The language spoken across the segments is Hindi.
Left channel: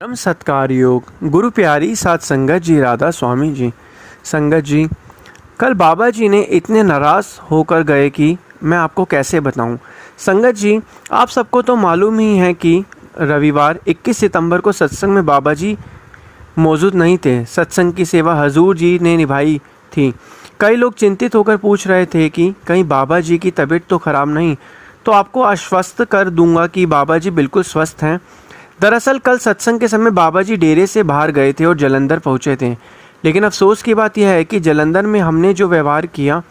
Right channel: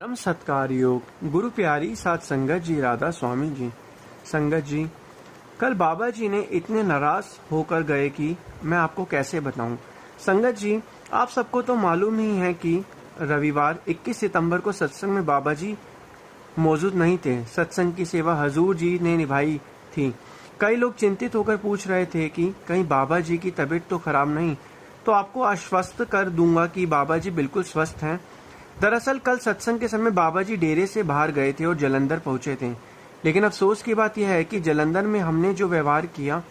परम सत्कार योग गुरु प्यारी साथ संगत जी राधा स्वामी जी। संगत जी, कल बाबा जी ने इतने नाराज़ होकर गए कि मैं आपको कैसे बताऊं। संगत जी, आप सबको तो मालूम ही है कि रविवार 21 सितंबर को सत्संग में बाबा जी मौजूद नहीं थे। सत्संग की सेवा हजूर जी ने निभाई थी। कई लोग चिंतित होकर पूछ रहे थे कि कहीं बाबा जी की तबीयत तो खराब नहीं। तो आपको आश्वस्त कर दूंगा कि बाबा जी बिल्कुल स्वस्थ हैं। दरअसल कल सत्संग के समय बाबा जी डेरे से बाहर गए थे और जलंधर पहुंचे थे। लेकिन अफसोस की बात यह है कि जलंधर में हमने जो व्यवहार किया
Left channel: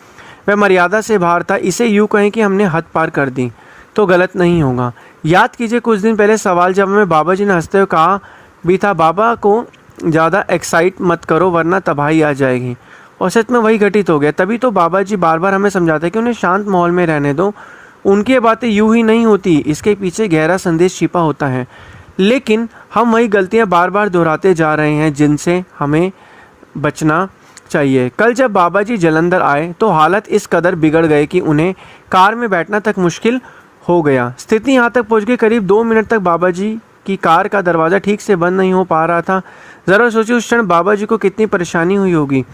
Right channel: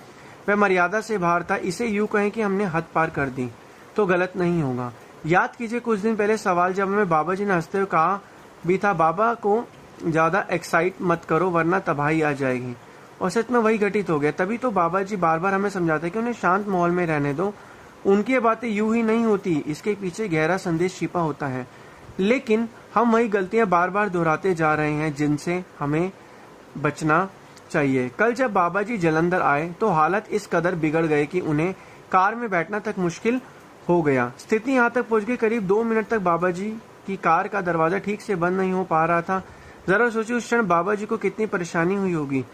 वह मर्यादा से बाहर था। इसे यूँ कहें कि हमने हद पार कर दी तो गलत नहीं होगा। याद कीजिए, कुछ दिन पहले सवाल जवाब में बाबा जी ने हंसते हुए कहा भी था, बाबा को ज़्यादा एक्साइट मत करो वरना तबाही आ जाएगी। और सच में वही घटित हो गया। तभी तो बाबा जी बार बार हमें समझाते हैं कि उन्हें शांत माहौल में रहने दो। उनकी बातें यूं ही नहीं होती, इसके पीछे गहरा संदेश छिपा होता है। लेकिन हम वही गलतियां बार बार दोहराते जा रहे हैं जिनसे हमें बचना चाहिए। कल जब बाबा जी जलंधर आए तो हालत इस कदर बिगड़ गए कि उन्हें कार में बैठना तक मुश्किल हो गया। स्थिति यहाँ तक पहुँच गई, करीब 2 मिनट तक बाबा जी की कार का दरवाज़ा ठीक से बंद नहीं हो पा रहा था। ज़रा सोचिए उस क्षण बाबा जी को कितनी परेशानी हुई होगी।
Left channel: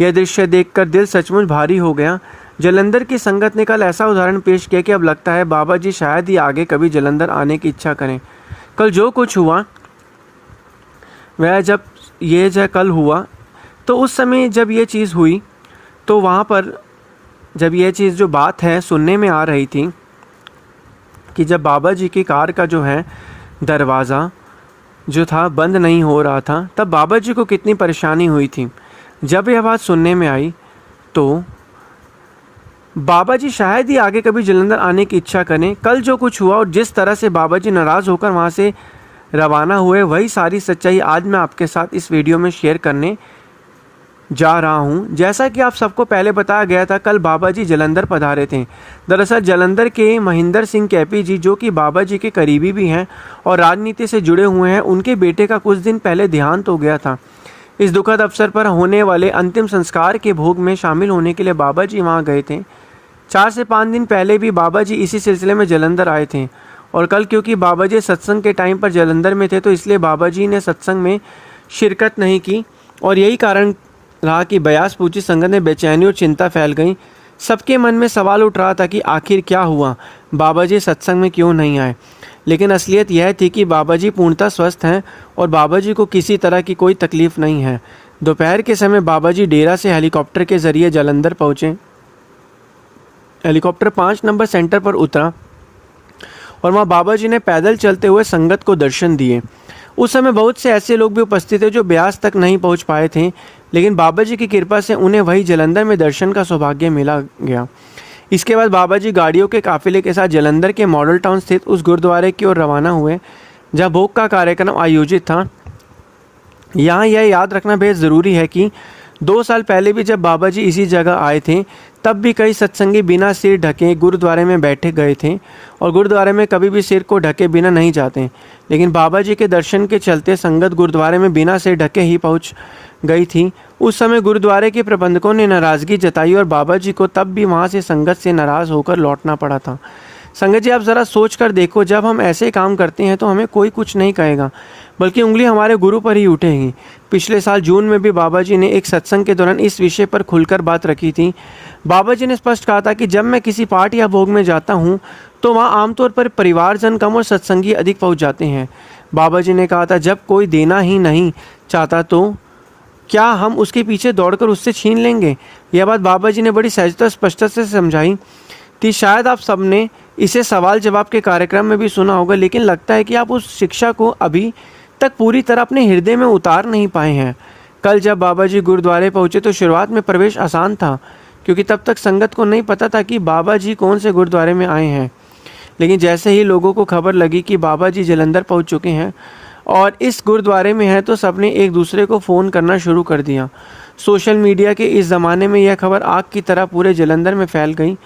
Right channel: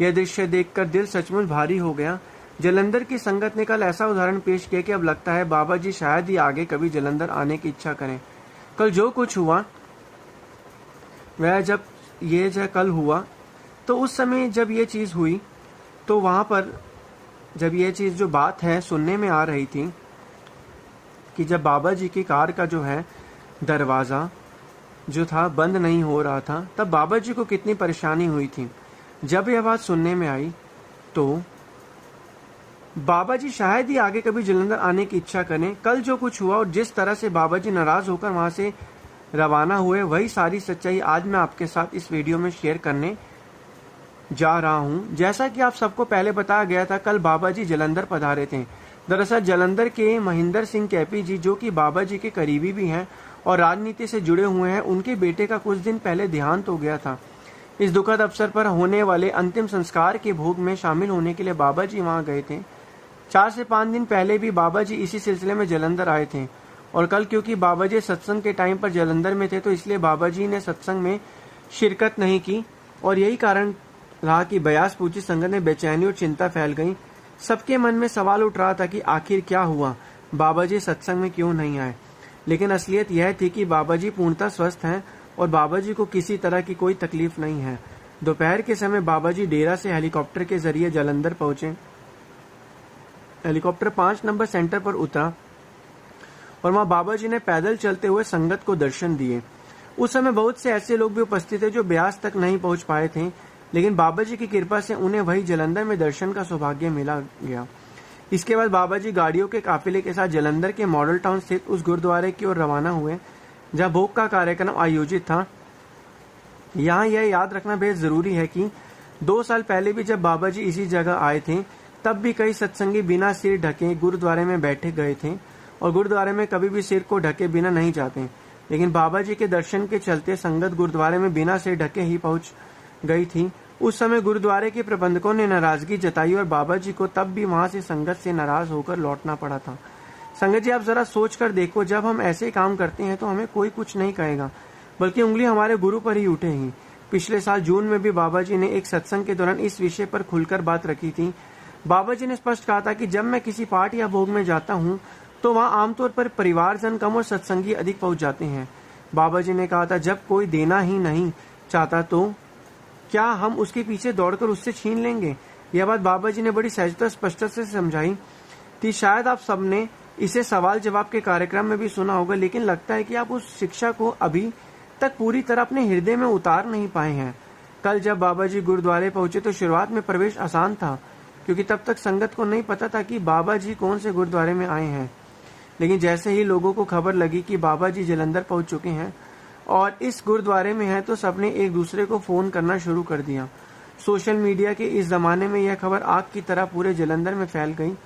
यह दृश्य देखकर दिल सचमुच भारी हो गया। जलंधर की संगत ने कल ऐसा उदाहरण पेश किया कि अब लगता है बाबा जी शायद ही आगे कभी जलंधर आने की इच्छा करें। कल जो कुछ हुआ वह जब कल हुआ तो उस समय जब ये चीज़ हुई तो वहाँ पर जब ये चीज़ जो बात है सुनने में आ रही थी कि जब बाबा जी की कार का जो है दरवाज़ा जो था बंद नहीं हो रहा था, तब बाबा जी को कितनी परेशानी हुई थी। जब यह बात सुनने में आई तो बाबा जी शायद ही आगे कभी जलंधर आने की इच्छा करें। कल जो कुछ हुआ और जिस तरह से बाबा जी नाराज़ होकर वहाँ से रवाना हुए, वही सारी सच्चाई आज मैं आपके साथ इस वीडियो में शेयर करने जा रहा हूँ। जैसा कि आप सबको पहले बताया गया था, कल बाबा जी जलंधर पधारे थे। दरअसल जलंधर के महेंद्र सिंह कैपी जी, जो कि बाबा जी के करीबी भी हैं और राजनीति से जुड़े हुए हैं, उनके बेटे का कुछ दिन पहले देहांत हो गया था। इस दुखद अवसर पर होने वाले अंतिम संस्कार के भोग में शामिल होने के लिए बाबा जी वहाँ गए थे। 4 से 5 दिन पहले भी बाबा जी इसी सिलसिले में जलंधर आए थे और कल क्योंकि बाबा जी सत्संग के टाइम पर जलंधर में थे तो इसलिए बाबा जी ने सत्संग में शिरकत नहीं की और यही कारण रहा कि बयास पूछी संगत में बेचैनी और चिंता फैल गई। सबके मन में सवाल उठ रहा था कि आखिर क्या हुआ, बाबा जी सत्संग में क्यों नहीं आए। लेकिन असलियत यह थी कि बाबा जी पूर्णतः स्वस्थ हैं और बाबा जी को किसी तरह की कोई तकलीफ नहीं है। दोपहर के समय बाबा जी डेरा से हेलीकॉप्टर के जरिए जलंधर पहुँचे। हेलीकॉप्टर 5 नंबर सेंटर पर उतरा और वहाँ बाबा जी ने पैदल चलते हुए संगत को दर्शन दिए। उस समय बहुत से ऐसे लोग भी उपस्थित थे जो ब्यास तक नहीं पहुँच पाए थे, लेकिन बाबा जी की कृपा से उन्हें वही जलंधर में दर्शन का सौभाग्य मिला गया। इसके बाद बाबा जी गाड़ियों के काफिले के साथ जलंधर के मॉडल टाउन स्थित उस गुरुद्वारे की ओर रवाना हुए जहाँ भोग का कार्यक्रम आयोजित था। यहाँ यह याद रखना बेहद ज़रूरी है कि 2 साल पहले भी जब बाबा जी इसी जगह आए थे तब भी कई सत्संगी बिना सिर ढके गुरुद्वारे में बैठे गए थे और गुरुद्वारे में कभी भी सिर को ढके बिना नहीं जाते। लेकिन बाबा जी के दर्शन के चलते संगत गुरुद्वारे में बिना सिर ढके ही पहुंच गई थी। उस समय गुरुद्वारे के प्रबंधकों ने नाराज़गी जताई और बाबा जी को तब भी वहाँ से संगत से नाराज़ होकर लौटना पड़ा था। संगत जी, आप ज़रा सोच कर देखो, जब हम ऐसे काम करते हैं तो हमें कोई कुछ नहीं कहेगा बल्कि उंगली हमारे गुरु पर ही उठेगी। पिछले साल जून में भी बाबा जी ने एक सत्संग के दौरान इस विषय पर खुलकर बात रखी थी। बाबा जी ने स्पष्ट कहा था कि जब मैं किसी पाठ या भोग में जाता हूँ तो वहाँ आमतौर पर परिवारजन कम और सत्संगी अधिक पहुँच जाते हैं। बाबा जी ने कहा था जब कोई देना ही नहीं चाहता तो क्या हम उसके पीछे दौड़कर उससे छीन लेंगे। यह बात बाबा जी ने बड़ी सहजता स्पष्टता से समझाई थी। शायद आप सबने इसे सवाल जवाब के कार्यक्रम में भी सुना होगा, लेकिन लगता है कि आप उस शिक्षा को अभी तक पूरी तरह अपने हृदय में उतार नहीं पाए हैं। कल जब बाबा जी गुरुद्वारे पहुँचे तो शुरुआत में प्रवेश आसान था क्योंकि तब तक संगत को नहीं पता था कि बाबा जी कौन से गुरुद्वारे में आए हैं। लेकिन जैसे ही लोगों को खबर लगी कि बाबा जी जलंधर पहुँच चुके हैं और इस गुरुद्वारे में हैं तो सबने एक दूसरे को फ़ोन करना शुरू कर दिया। सोशल मीडिया के इस ज़माने में यह खबर आग की तरह पूरे जलंधर में फैल गई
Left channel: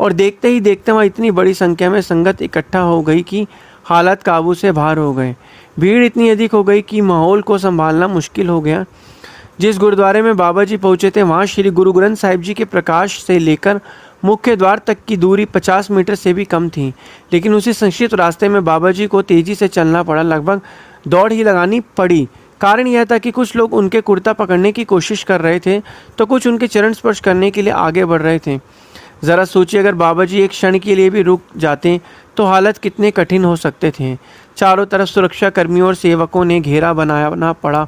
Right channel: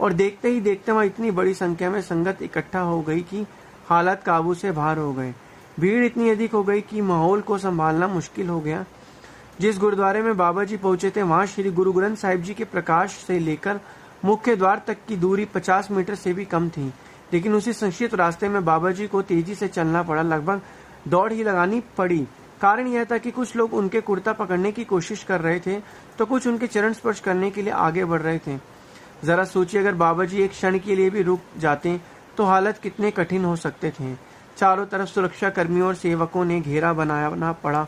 और देखते ही देखते वहाँ इतनी बड़ी संख्या में संगत इकट्ठा हो गई कि हालात काबू से बाहर हो गए। भीड़ इतनी अधिक हो गई कि माहौल को संभालना मुश्किल हो गया। जिस गुरुद्वारे में बाबा जी पहुँचे थे वहाँ श्री गुरु ग्रंथ साहिब जी के प्रकाश से लेकर मुख्य द्वार तक की दूरी 50 मीटर से भी कम थी, लेकिन उसी संक्षिप्त रास्ते में बाबा जी को तेज़ी से चलना पड़ा। लगभग दौड़ ही लगानी पड़ी। कारण यह था कि कुछ लोग उनके कुर्ता पकड़ने की कोशिश कर रहे थे तो कुछ उनके चरण स्पर्श करने के लिए आगे बढ़ रहे थे। ज़रा सोचिए, अगर बाबा जी एक क्षण के लिए भी रुक जाते तो हालत कितने कठिन हो सकते थे। चारों तरफ सुरक्षा कर्मियों और सेवकों ने घेरा बनाना पड़ा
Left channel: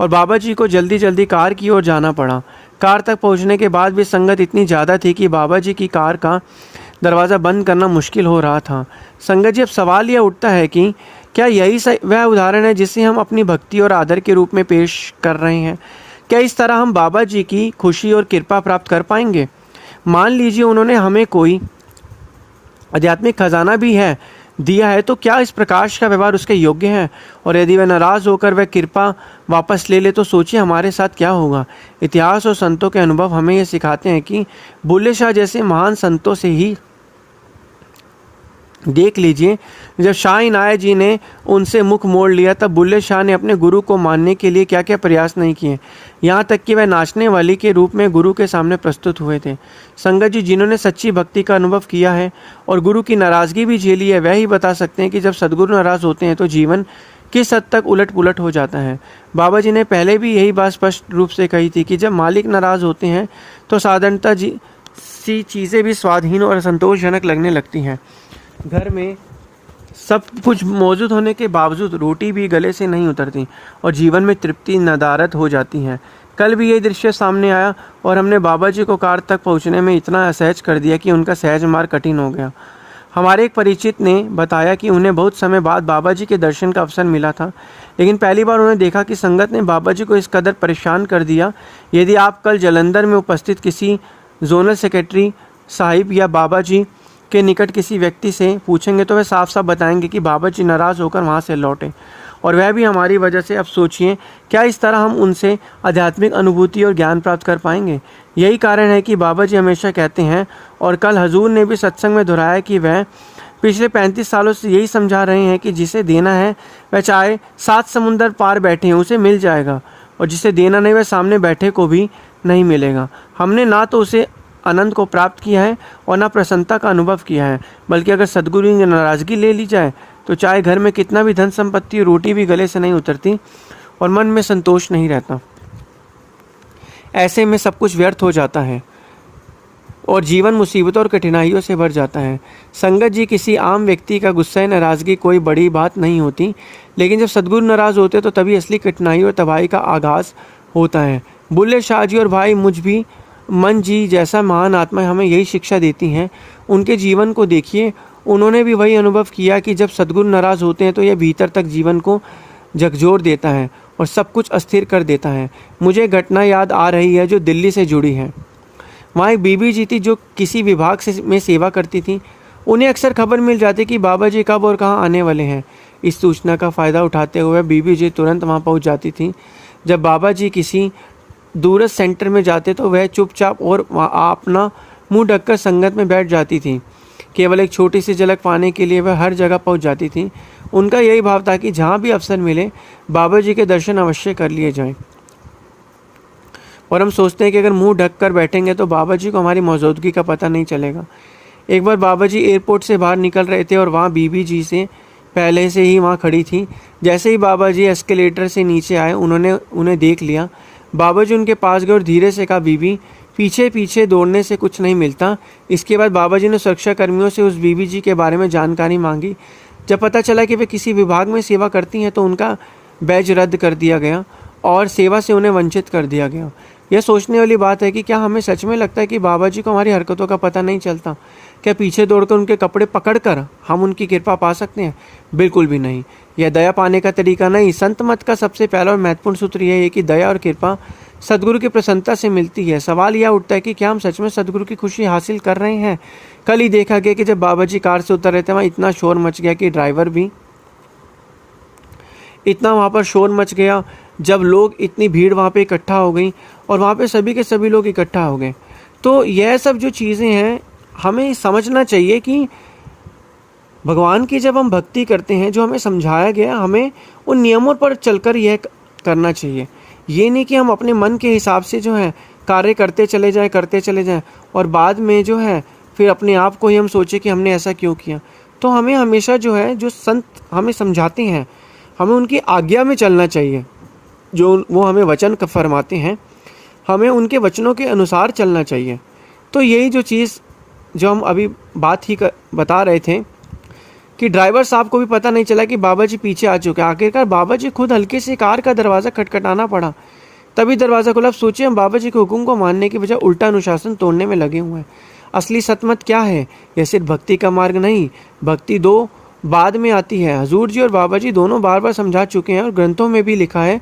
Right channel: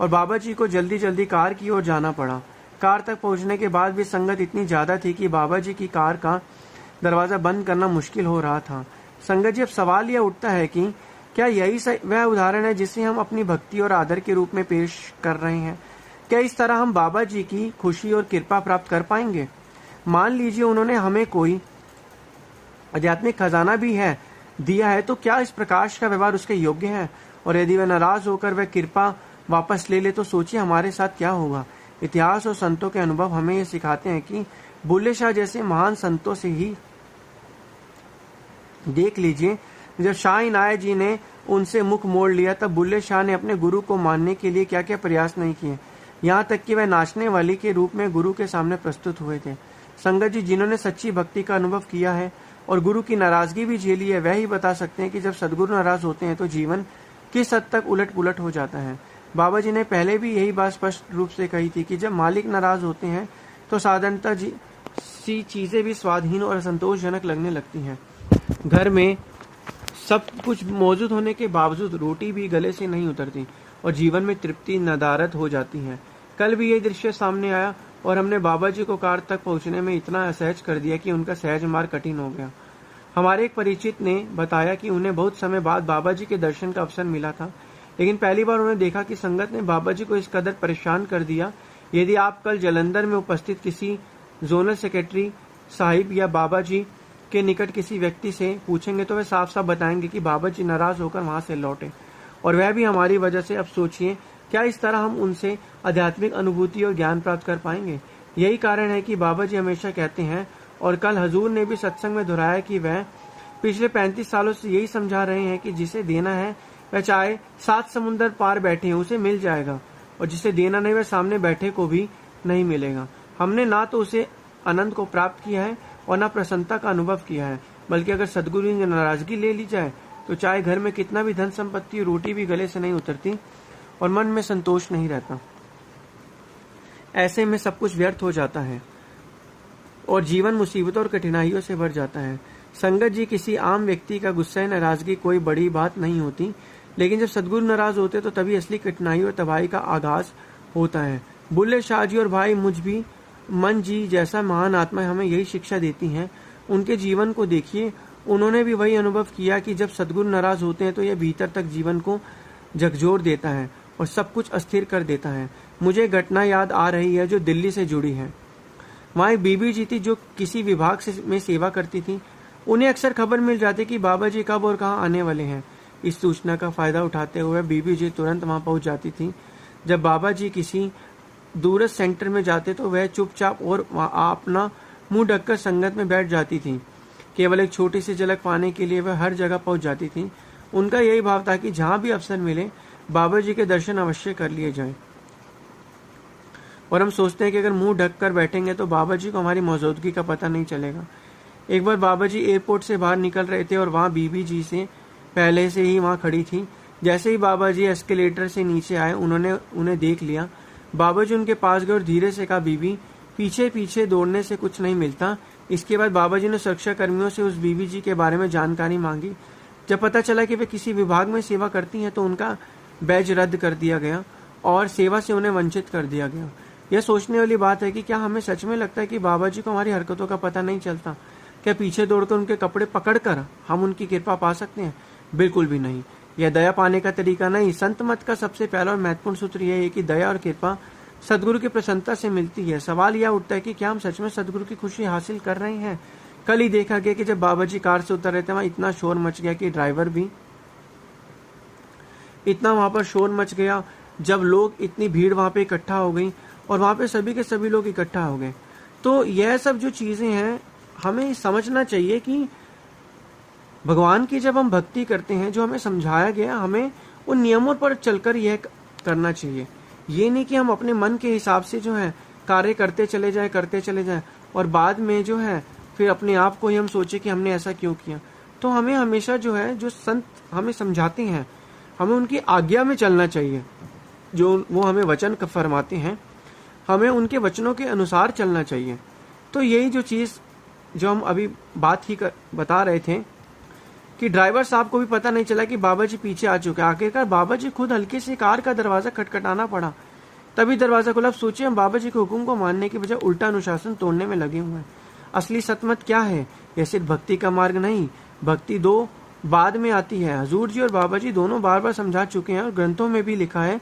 और बाबा जी को जल्दी जल्दी कार की ओर जाना पड़ा। कार तक पहुंचने के बाद भी संगत इतनी ज़्यादा थी कि बाबा जी की कार का दरवाज़ा बंद करना मुश्किल हो रहा था। संगत जी, अब सवाल यह उठता है कि क्या यही वह उदाहरण है जिसे हम अपनी भक्ति और आदर के रूप में पेश कर रहे हैं? क्या इस तरह हम बाबा जी की खुशी और कृपा प्राप्त कर पाएंगे? मान लीजिए उन्होंने हमें कोई आध्यात्मिक खजाना भी दिया है, तो क्या इस प्रकाश का व्यवहार उसके योग्य है? और यदि वह नाराज़ होकर वह कृपा वापस ले ले तो सोचिए हमारे साथ क्या होगा। इतिहास और संतों के अनुभव हमें ये सिखाते हैं कि बुल्ले शाह जैसे महान संतों से ही देख लीजिए, जब शाह इनायत जी ने उनसे मुख मोड़ लिया तब बुल्ले शाह ने अपने गुरु को मानने के लिए क्या क्या प्रयास नहीं किए। यहाँ तक कि वह नाचने वाली के रूप में गुरु के सामने प्रस्तुत हुए थे। संगत जी, जिन्होंने सच्ची भक्ति का अनुभव किया है और गुरु की नाराज़गी भी झेली है, वह ही बता सकते हैं कि जब सदगुरु नाराज़ होते हैं तो जीवन किस हद तक उलट पुलट हो जाता है। बाबा जी ने पहले भी यही बात स्पष्ट रूप से कही थी कि जब मालिक नाराज़ होते हैं तो साधारणतः सी चीज़ें भी स्वादहीन और असंतोषजनक लगने लगती हैं। घर में सब कुछ मौजूद होने के बावजूद रोटी भी गले से नहीं उतरती और जीवन में तृप्ति नदारद हो जाती है। कल भी ये दृश्य सामने आया और हमने बाबा जी को कार तक पहुंचने में इतना असहज कर दिया कि उनका सहज मार्ग कठिन हो गया। हमारे एक परिचित ने बताया कि उन्हें बहुत समय बाद बाबा जी के दर्शन का अवसर मिला था, लेकिन पहली बार उन्होंने देखा कि संगत ने बाबा जी को इस कदर परेशान कर दिया। यदि आप कल जालंधर में उपस्थित किसी जोनल सेक्रेटरी साहिब या बाबा जी के निकट किसी व्यक्ति से पूछेंगे तो वह साफ साफ बताएंगे कि बाबा जी नाराज़ होकर वहाँ से लौटे, और वह भी हमारी वजह से। अब सोचिए, क्या इस तरह हम उनसे आध्यात्मिक अनुभूति और ज्ञान प्राप्त कर पाएंगे? यही कारण है कि बाबा जी हमेशा कहते हैं, और कल हजूर ने भी सत्संग में दोहराया कि वह पिछले 35 सालों से यही समझा रहे हैं कि जिसे देना है वह चाहे 7 समुंदर पार बैठे हैं उसे मिल जाएगा, और जिसे देना नहीं वह सामने बैठे को भी नहीं मिलेगा। हमने ना तो उसे आनंद को प्राप्त किया है और ना प्रसन्नता का अनुभव किया है, बल्कि अगर सदगुरु की नाराज़गी ले ली जाए तो चाहे घर में कितना भी धन संपत्ति, रोटी भी गले से नहीं उतरती और मन में संतोष नहीं रहता। ऐसे में सब कुछ व्यर्थ हो जाता है और जीवन मुसीबतों और कठिनाइयों से भर जाता है। संगत जी, किसी आम व्यक्ति का गुस्सा या नाराज़गी कोई बड़ी बात नहीं होती, लेकिन जब सदगुरु नाराज़ होते तो तभी असली कठिनाई और तबाही का आगाज़ होता है। बुल्ले शाह जी और भाई मुझ भी मन जी जैसा महान आत्मा हमें यही शिक्षा देती हैं। उनके जीवन को देखिए, उन्होंने भी वही अनुभव किया कि जब सदगुरु नाराज़ होते हैं तो यह भीतर तक जीवन को झकझोर देता है और सब कुछ अस्थिर कर देता है। मुझे घटना याद आ रही है जो दिल्ली से जुड़ी है। वहाँ एक बीबी जी थी जो किसी विभाग में सेवा करती थी। उन्हें अक्सर खबर मिल जाती कि बाबा जी कब और कहाँ आने वाले हैं। इस सूचना का फ़ायदा उठाते हुए बीबी जी तुरंत वहाँ पहुँच जाती थी। जब बाबा जी किसी दूरस्थ सेंटर में जाते तो वह चुपचाप और अपना मुंह ढककर संगत में बैठ जाती थी। केवल एक छोटी सी झलक पाने के लिए वह हर जगह पहुंच जाती थी। उनका यही भाव था कि जहां भी अवसर मिले बाबा जी के दर्शन अवश्य कर लिए जाएं। और हम सोचते हैं कि अगर मुंह ढक कर बैठेंगे तो बाबा जी को हमारी मौजूदगी का पता नहीं चलेगा। एक बार बाबा जी एयरपोर्ट से बाहर निकल रहे थे और वहाँ बीबी जी से पहले से ही वहाँ खड़ी थी। जैसे ही बाबा जी एस्केलेटर से नीचे आए उन्होंने उन्हें देख लिया। बाबा जी उनके पास गए और धीरे से कहा, बीबी, पीछे पीछे दौड़ने से कुछ नहीं मिलता। इसके बाद बाबा जी ने सुरक्षा कर्मियों से उस बीबी जी के बारे में जानकारी मांगी। जब पता चला कि वे किसी विभाग में सेवा करती हैं तो उनका बैज रद्द कर दिया गया और सेवा से उन्हें वंचित कर दिया गया। यह सोचने वाली बात है कि क्या हमें सच में लगता है कि बाबा जी को हमारी हरकतों का पता नहीं चलता? क्या पीछे दौड़कर उनके कपड़े पकड़कर हम उनकी कृपा पा सकते हैं? बिल्कुल भी नहीं। यह दया पाने का तरीका नहीं। संत मत का सबसे पहला और महत्वपूर्ण सूत्र यह है कि दया और कृपा सदगुरु की प्रसन्नता से मिलती है। सवाल यह उठता है कि क्या हम सच में सदगुरु की खुशी हासिल कर रहे हैं? कल ही देखा गया कि जब बाबा जी कार से उतर रहे थे वहाँ इतना शोर मच गया कि ड्राइवर भी इतना वहाँ पर शोर मच गया। जब लोग इतनी भीड़ वहाँ पे इकट्ठा हो गई और वहाँ पे सभी के सभी लोग इकट्ठा हो गए। तो यह सब जो चीज़ें हैं हमें समझना चाहिए कि भगवान की जब हम भक्ति करते हैं, जो हमें समझाया गया, हमें उन नियमों पर चलकर यह करना चाहिए। ये नहीं कि हम अपने मन के हिसाब से जो है कार्य करते चले जाएं और बाद में जो है फिर अपने आप को ही हम सोचे कि हमने ऐसा क्यों किया। तो हमें हमेशा जो है, जो संत हमें समझाते हैं, हमें उनकी आज्ञा में चलना चाहिए, जो वो हमें वचन फरमाते हैं हमें उनके वचनों के अनुसार चलना चाहिए। तो यही जो चीज़ जो हम अभी बात ही बता रहे थे कि ड्राइवर साहब को भी पता नहीं चला कि बाबा जी पीछे आ चुके हैं। आखिरकार बाबा जी खुद हल्के से कार का दरवाज़ा खटखटाना पड़ा, तभी दरवाज़ा खुला। अब सोचिए, हम बाबा जी के हुक्म को मानने की बजाय उल्टा अनुशासन तोड़ने में लगे हुए हैं। असली सतमत क्या है? यह सिर्फ भक्ति का मार्ग नहीं, भक्ति दो बाद में आती है। हजूर जी और बाबा जी दोनों बार बार समझा चुके हैं और ग्रंथों में भी लिखा है,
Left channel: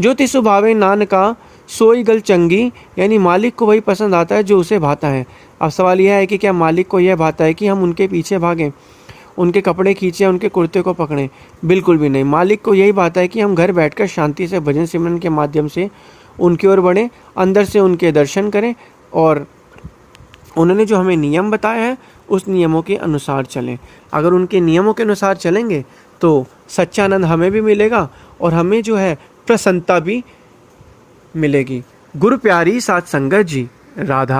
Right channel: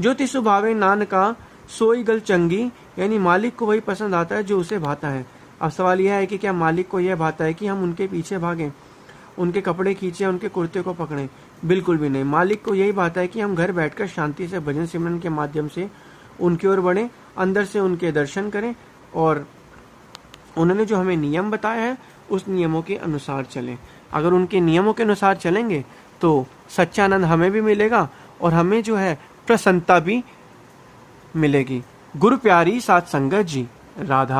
जो तिसु भावे नानका सोई गल चंगी, यानी मालिक को वही पसंद आता है जो उसे भाता है। अब सवाल यह है कि क्या मालिक को यह भाता है कि हम उनके पीछे भागें, उनके कपड़े खींचें, उनके कुर्ते को पकड़ें? बिल्कुल भी नहीं। मालिक को यही भाता है कि हम घर बैठकर शांति से भजन सिमरन के माध्यम से उनकी ओर बढ़ें, अंदर से उनके दर्शन करें और उन्होंने जो हमें नियम बताया है उस नियमों के अनुसार चलें। अगर उनके नियमों के अनुसार चलेंगे तो सच्चा आनंद हमें भी मिलेगा और हमें जो है प्रसन्नता भी मिलेगी। गुरु प्यारी साथ संगत जी, राधा।